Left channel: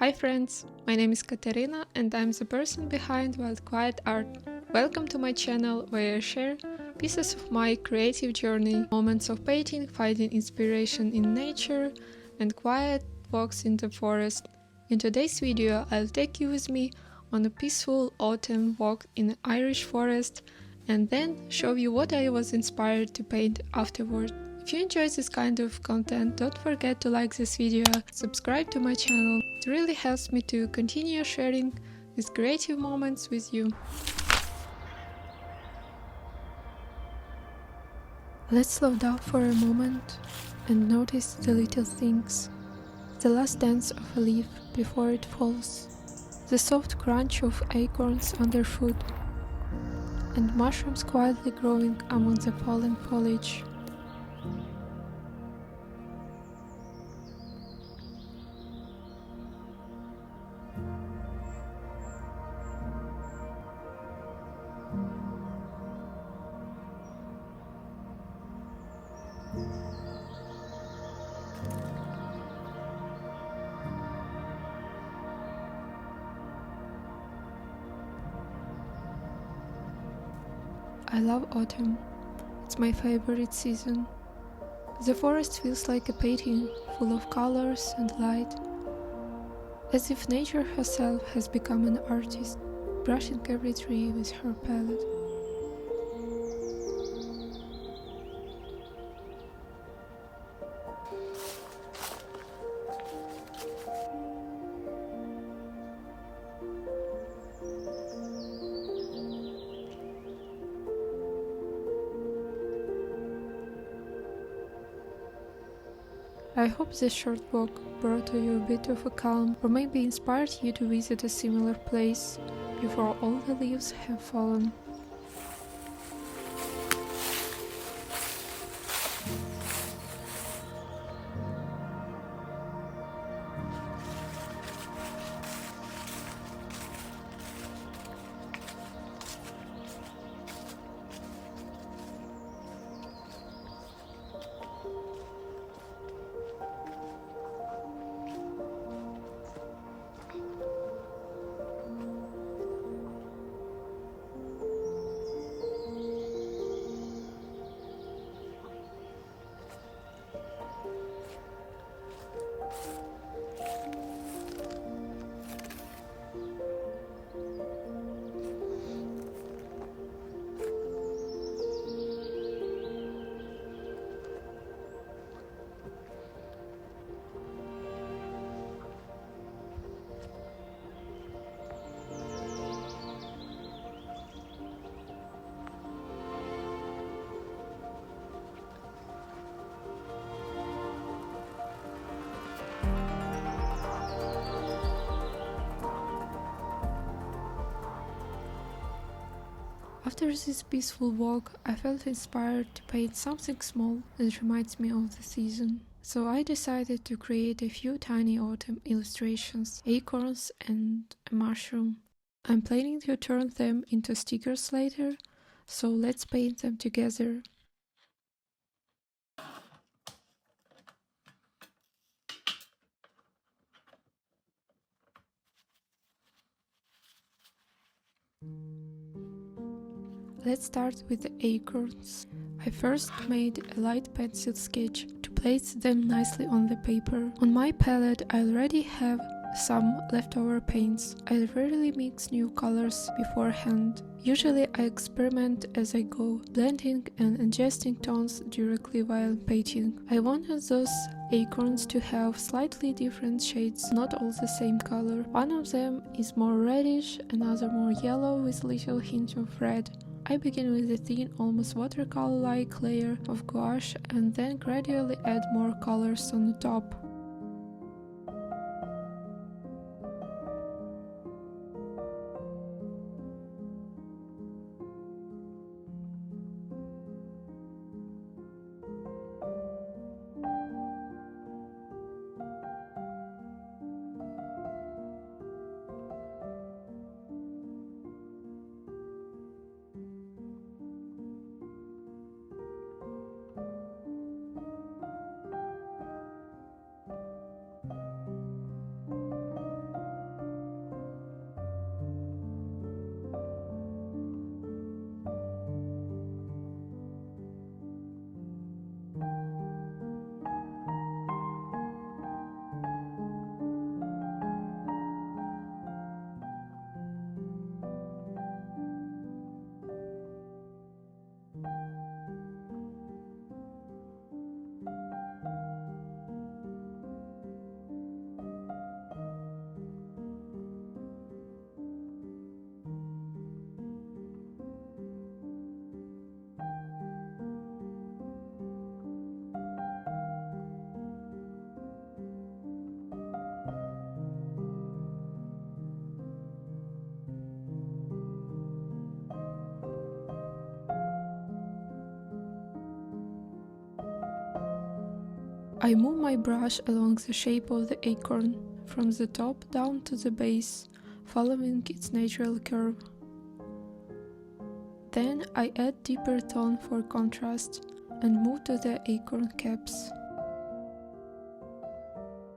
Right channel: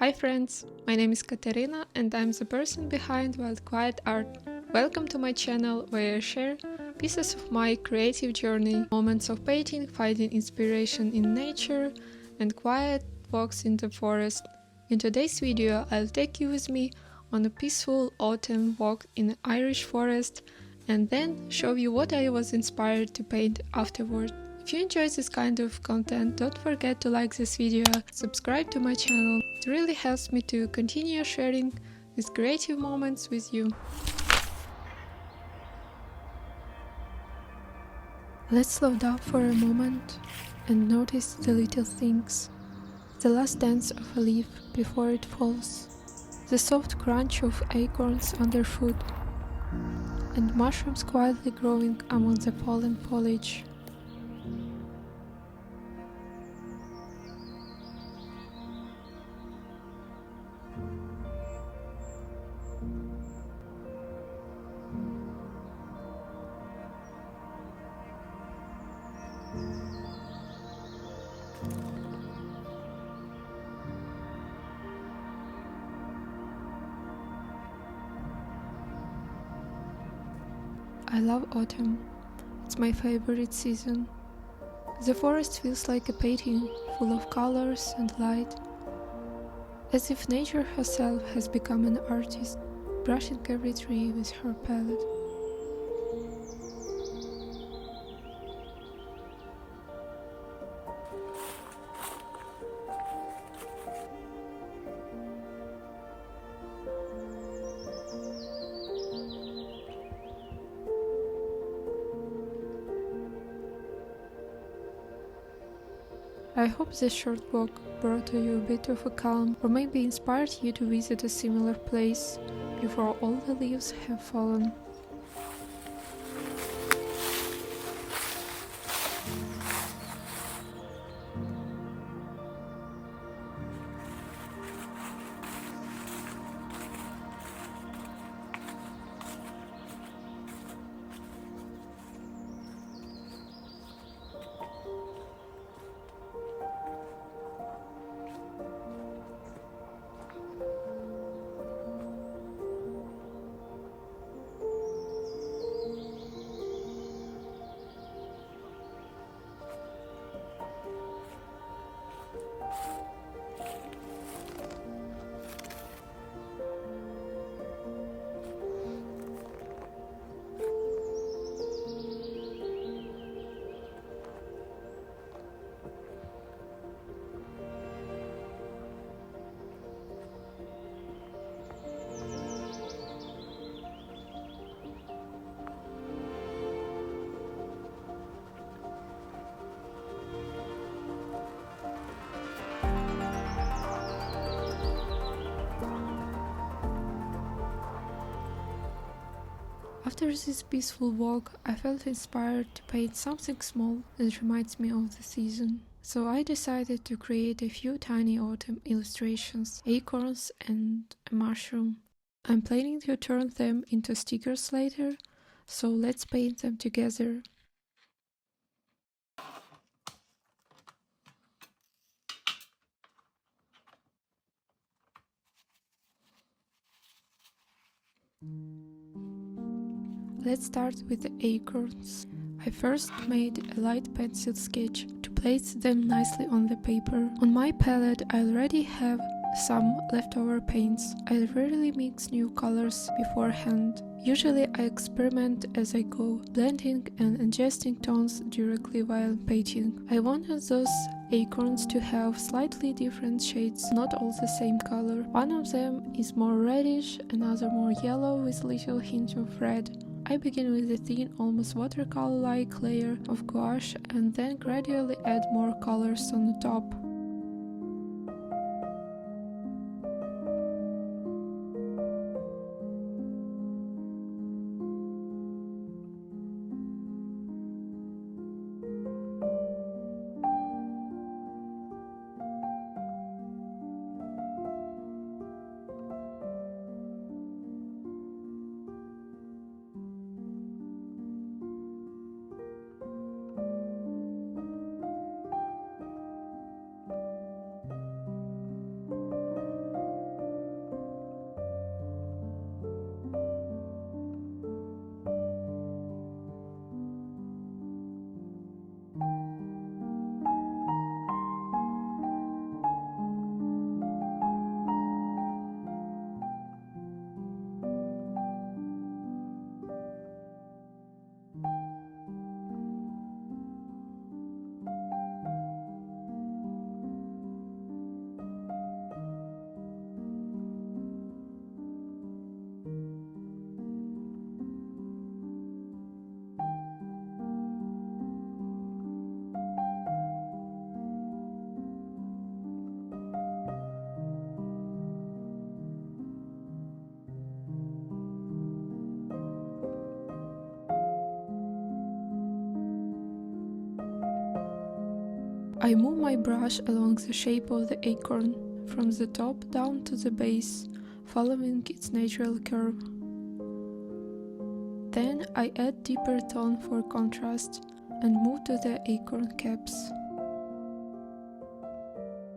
Hi friends, my name is Katerina and I'm the person behind Wild Quiet Art. Welcome to my channel where I share pieces of my creative journey, moments of painting, finding inspiration in nature, and quiet walks in the forest. In today's video, I'll take you with me on a peaceful autumn walk in an Irish forest and then show you what I was inspired to paint afterward. If you enjoy this kind of content, don't forget to like this video, subscribe to my channel. It really helps me to continue sharing these creative moments with you. Let's slow down for a moment and notice the little things. The last dance of a leaf before it falls, the soft crunch of acorns underfoot, and mushrooms quietly growing among the fallen foliage. I love autumn. It's my favorite season. The forest feels like a painting, full of colors and light, as if nature herself has become an artist, brushing every tree with her palette. I hope this short walk brought to you a bit of a calm, or maybe inspired you to visit a similar place before all the leaves have fallen. After this peaceful walk, I felt inspired to paint something small that reminds me of the season. So I decided to create a few tiny autumn illustrations, acorns and a mushroom. I'm planning to turn them into stickers later, so let's paint them together. Let's start with the acorns. I first made a light pencil sketch to place them nicely on the paper. On my palette I already have some leftover paints. I rarely mix new colors beforehand. Usually I experiment as I go, blending and adjusting tones directly while painting. I wanted those acorns to have slightly different shades, not all the same color. One of them is more reddish, another more yellow with little hint of red. I begin with a thin, almost watercolor-like layer of gouache and then gradually add more colors on the top. I move my brush along the shape of the acorn, from the top down to the base, following its natural curve. Then I add deeper tone for contrast and move to the acorn caps.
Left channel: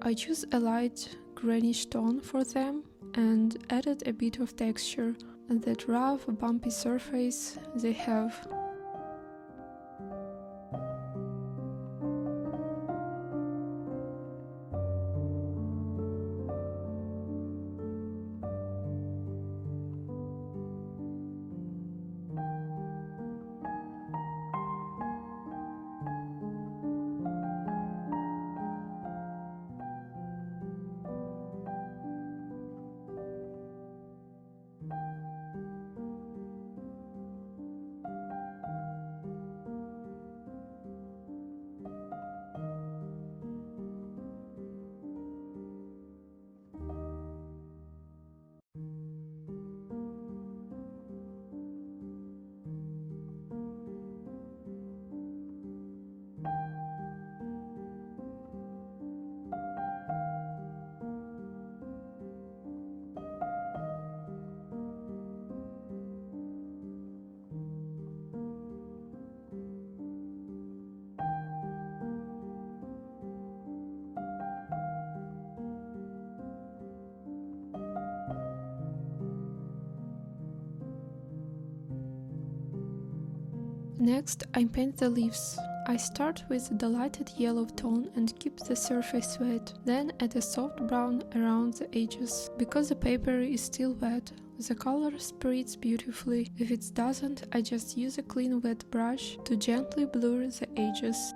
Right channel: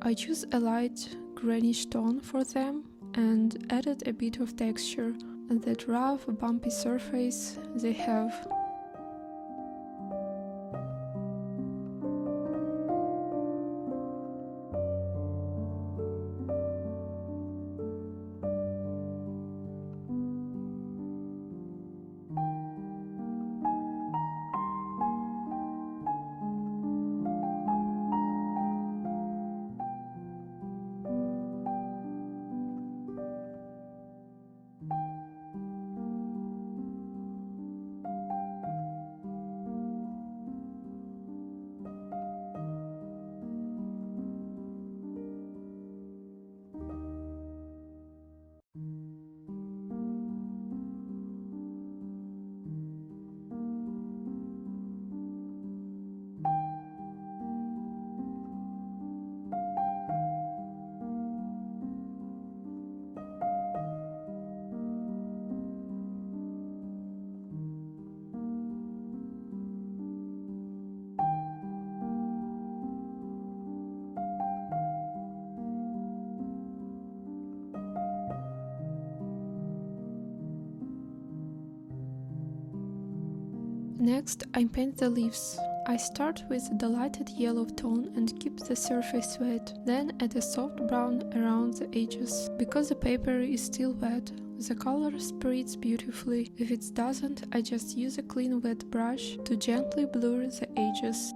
I choose a light greenish tone for them and added a bit of texture on that rough, bumpy surface they have. Next, I paint the leaves. I start with the lighted yellow tone and keep the surface wet, then add a soft brown around the edges. Because the paper is still wet, the color spreads beautifully. If it doesn't, I just use a clean wet brush to gently blur the edges.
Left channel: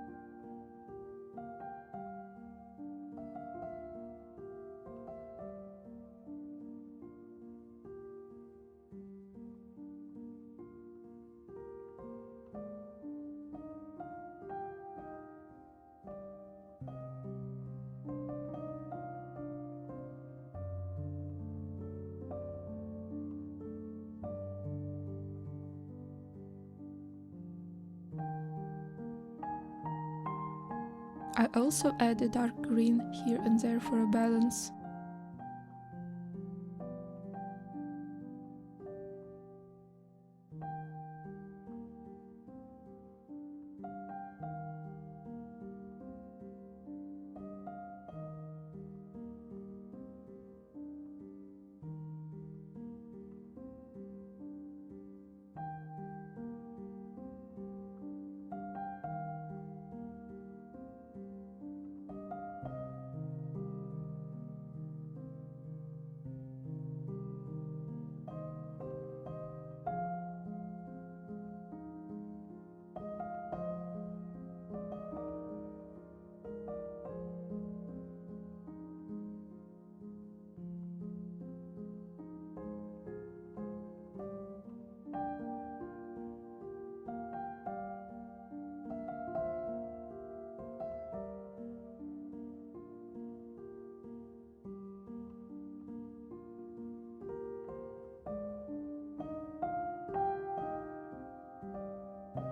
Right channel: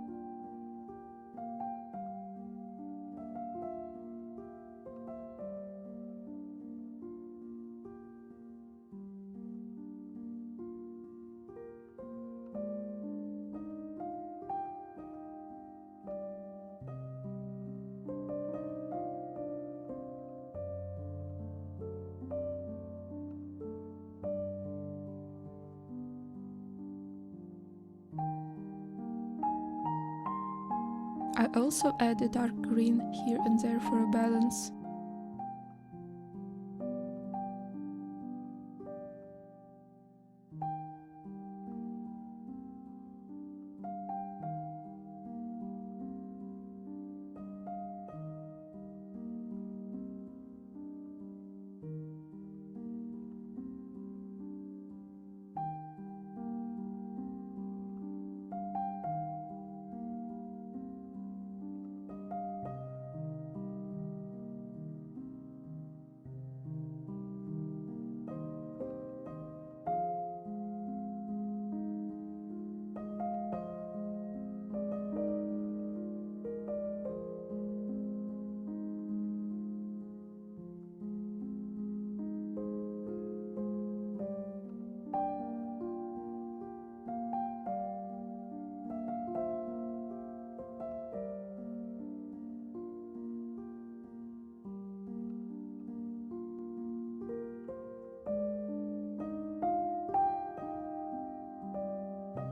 I also add a dark green here and there for a balance.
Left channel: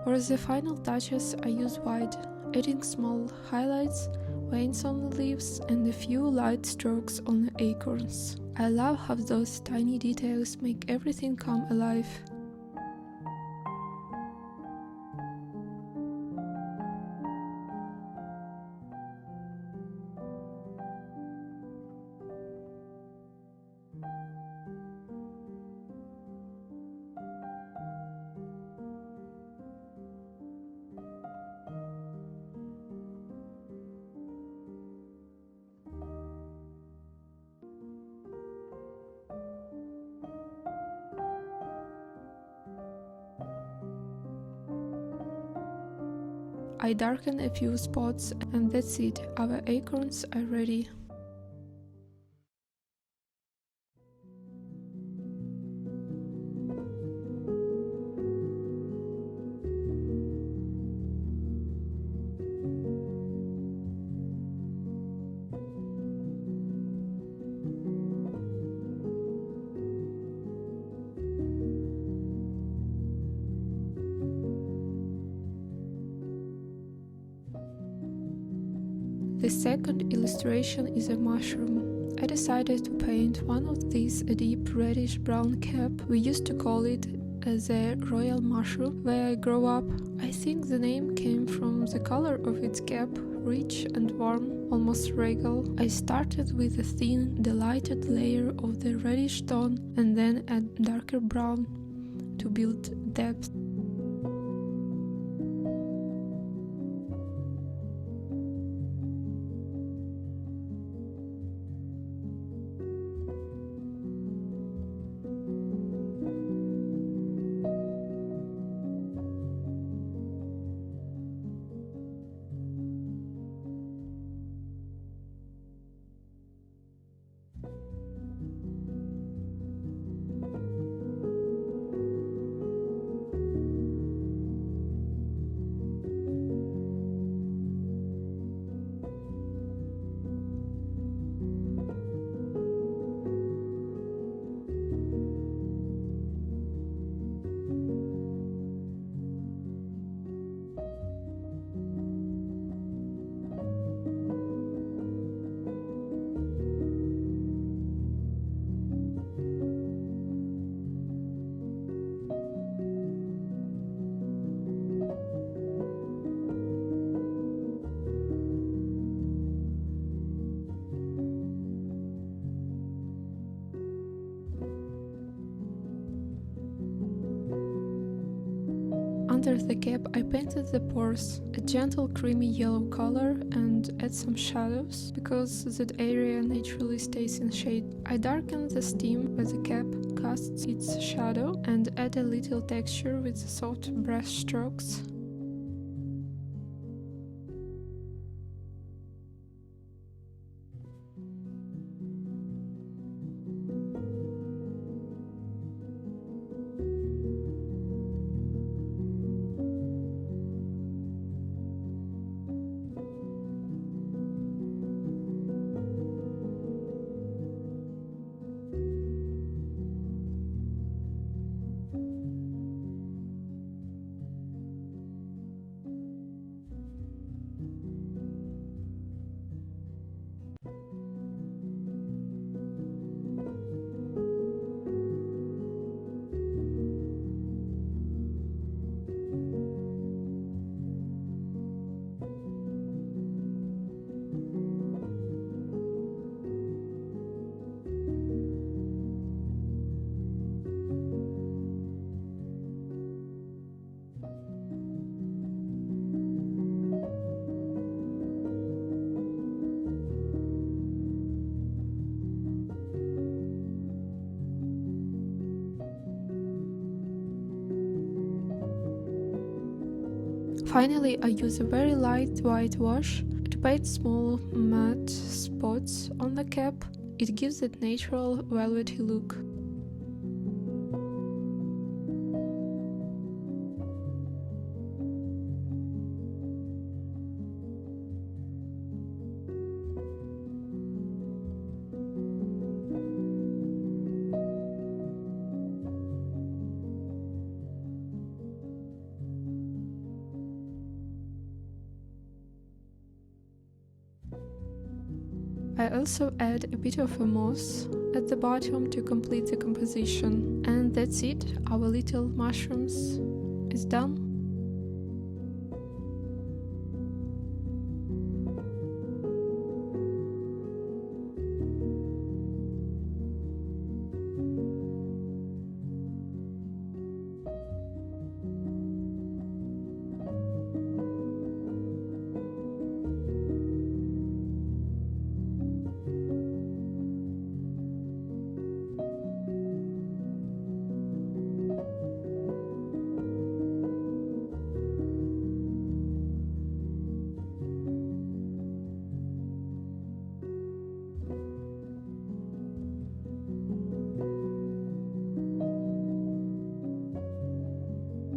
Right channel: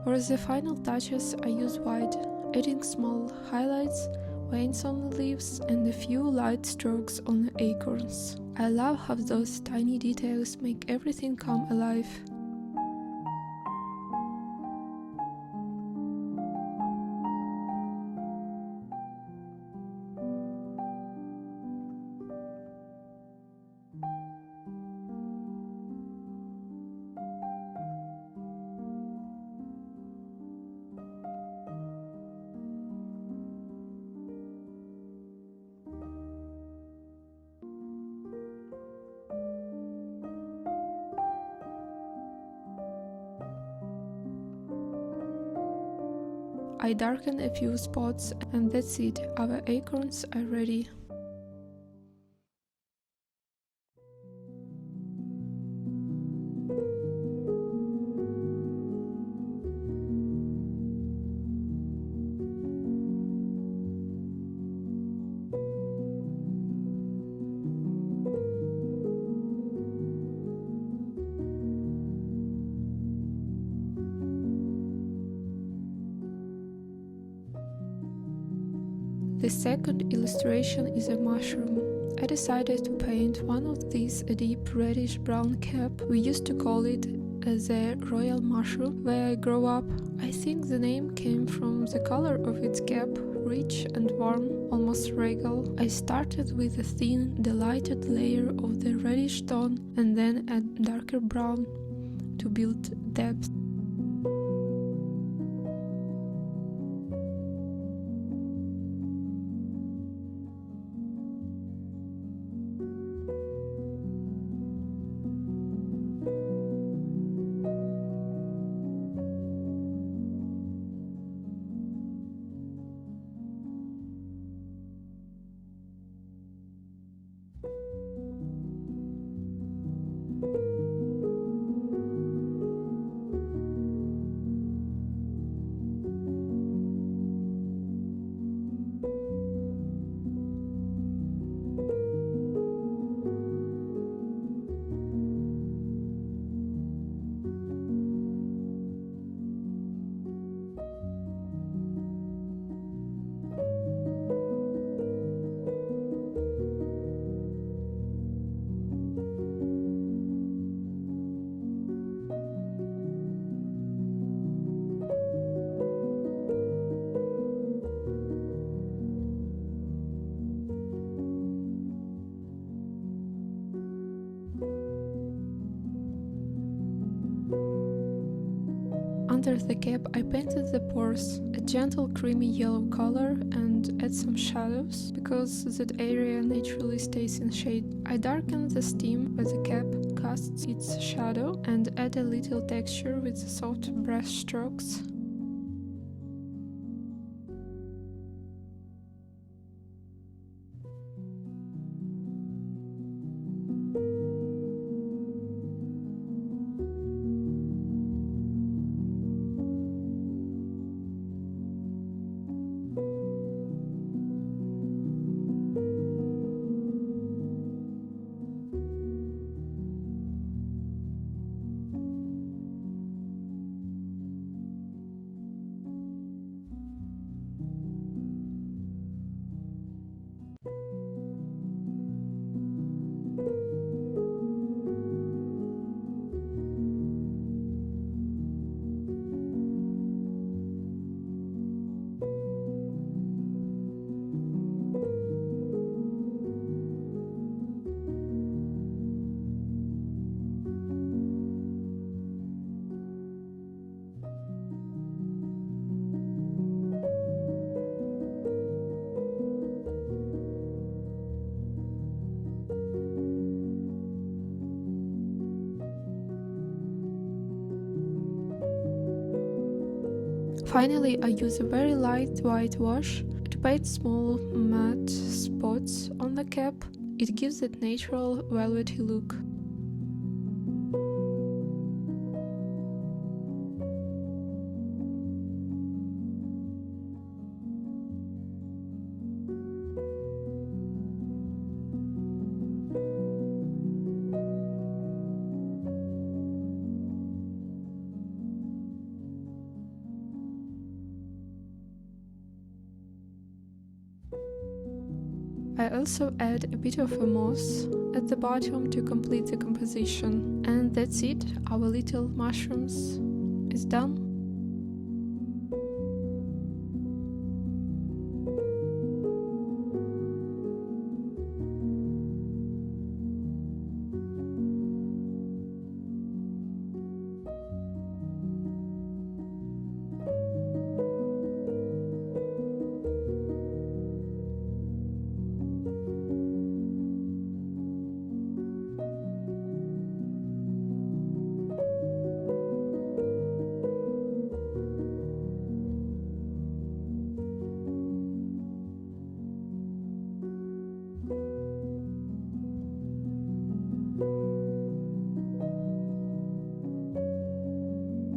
For the final touches, I use white, adding small highlights, veins on the leaves, and a few light strokes on the acorns. I love how those tiny details make everything come alive. I darken a few spots and that's it, our acorns are ready. The second illustration is a mushroom. I decided to paint one of these a deep reddish-brown cap. We used to call it the royal mushroom where I grew up. I think the name came from the color of its cap, rich and warm, almost regal. I started with a thin, delighted layer of the reddish tone and then a darker brown to build depth. Under the cap I painted the pores, a gentle creamy yellow color, and add some shadows, because that area naturally stays in shade. I darkened the stem where the cap casts its shadow and add a little texture with soft brush strokes. Finally, I use a very light white wash to paint small matte spots on the cap. It gives that natural velvety look. I also add a bit of a moss at the bottom to complete the composition. And that's it, our little mushrooms is done.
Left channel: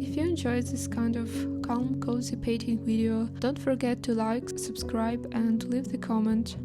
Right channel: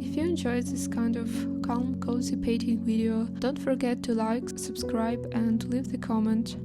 If you enjoyed this kind of calm, cozy painting video, don't forget to like, subscribe and leave the comment.